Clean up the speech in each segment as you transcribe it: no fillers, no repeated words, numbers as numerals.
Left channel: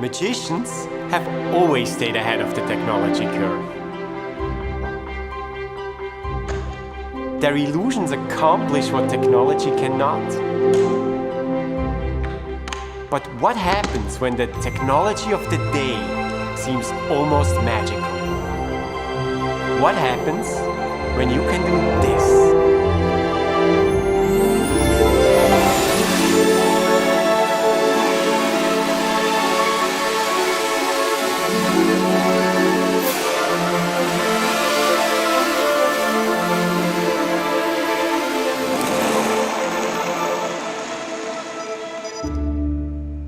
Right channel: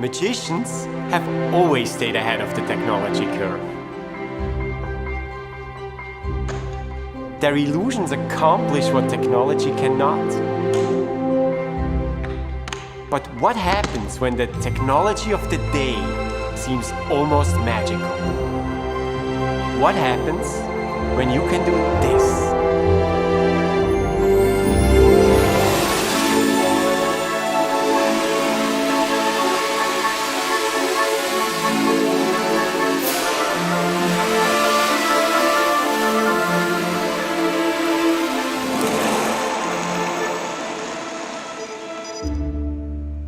Magicians have always stayed ahead of the technology curve. Their illusions accomplish what technology cannot. But what happens when the technology of the day seems almost magical? What happens when you can do this?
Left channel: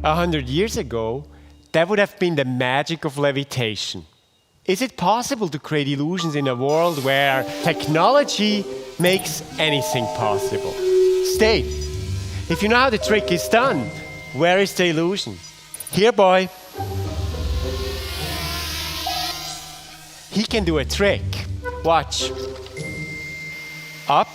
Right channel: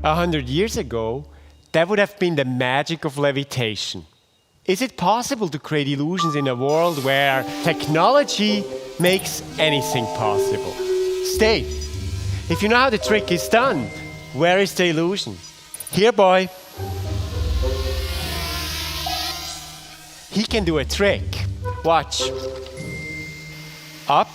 100 years ago, that would have been the magic of levitation. Is it possible to create illusions in a world where technology makes anything possible? Stay. If you know how the trick is done, where is the illusion? Here, boy. He can do a trick. Watch. Up.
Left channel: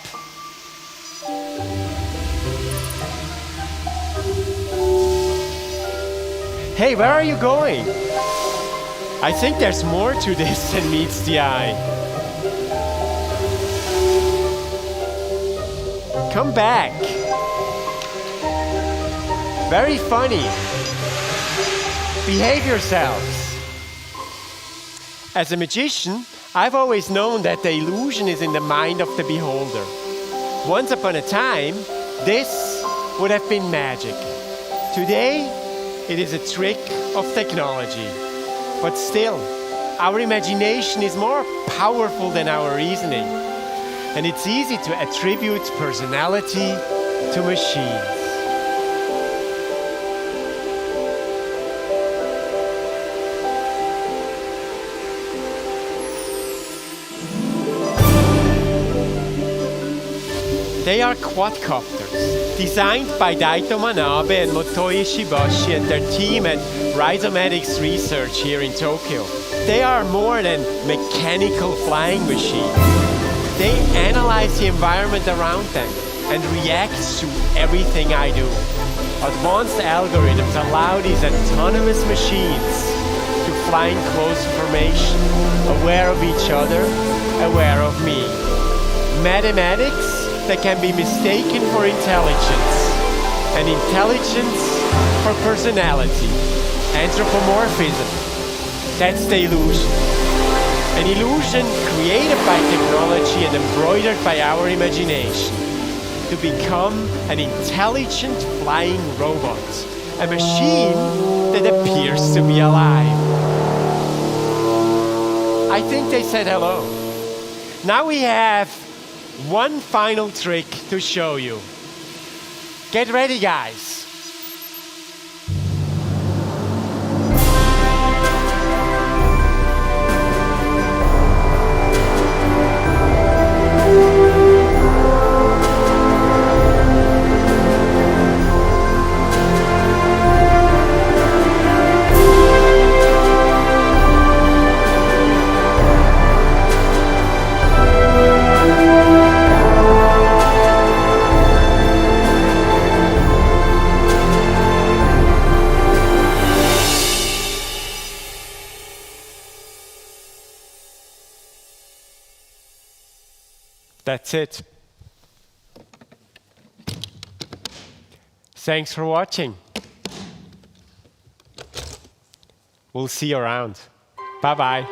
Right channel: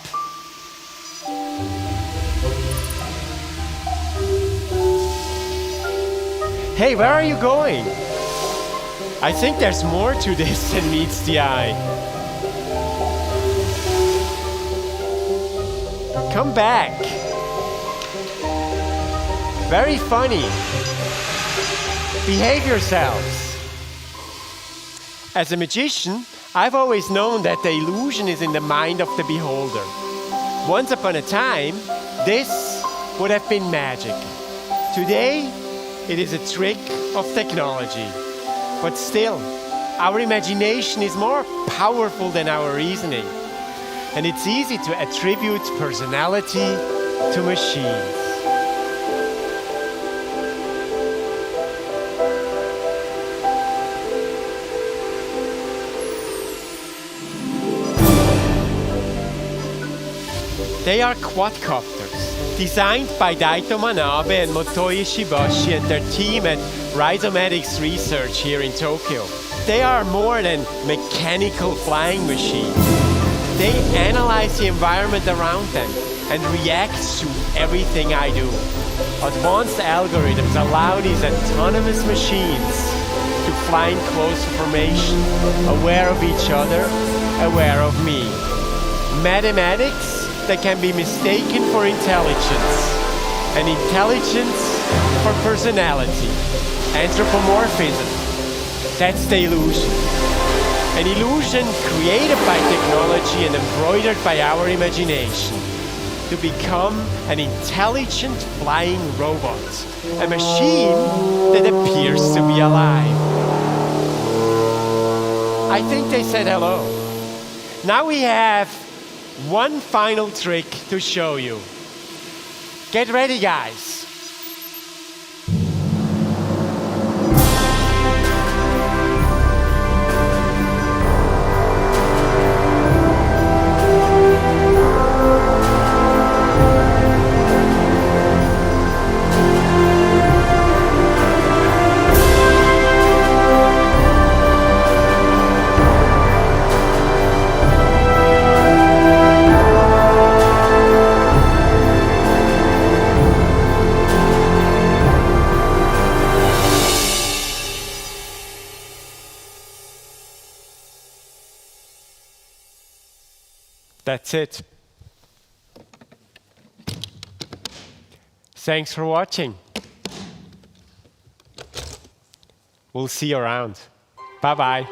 Hey, where are you going? I think there's more to this than meets the eye. Come back. Very funny. Behave yourselves. As a magician, I've always known that the illusion is in the mind of the beholder. Once upon a time, this would have been magic. Today, it is a trick of technology. But still, our imagination is more powerful than our reasoning. And it's easy to attribute personality to machines. They are quadcopters, designed by Daito Manabe and Motoi Ishibashi and their team at Rhizomatics Research here in Tokyo. They are more than mechanical flying machines. They analyze the environment around them and react to everything I do. Advanced algorithms allow these autonomous machines to fly in close formation, aware of each other, aware of me. Mathematics that can be mistaken for intelligence, and intelligence for personality. Anthropomorphism, that's the illusion. An illusion created by technology and embroidered by our imagination to become an intelligent flying robot, a machine that appears to be alive. I think they said hello. Now we have one final trick to show you. Get ready, guys. That's it. Thanks for watching. We'll see you around. Bye-bye.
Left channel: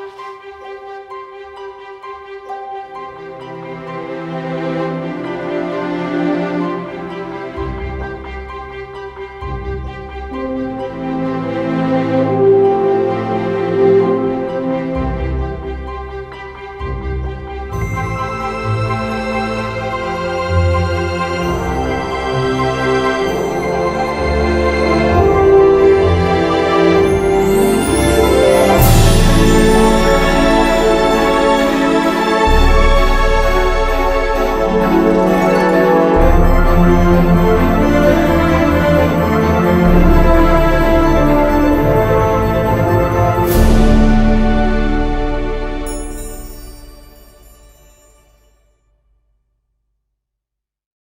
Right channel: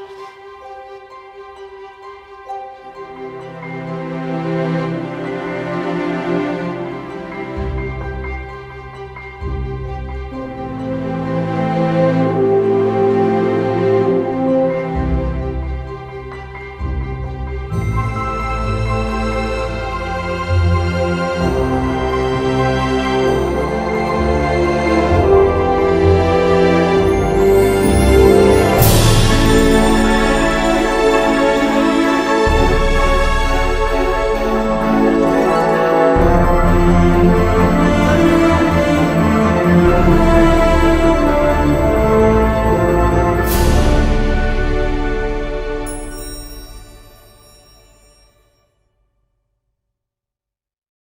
Thank you.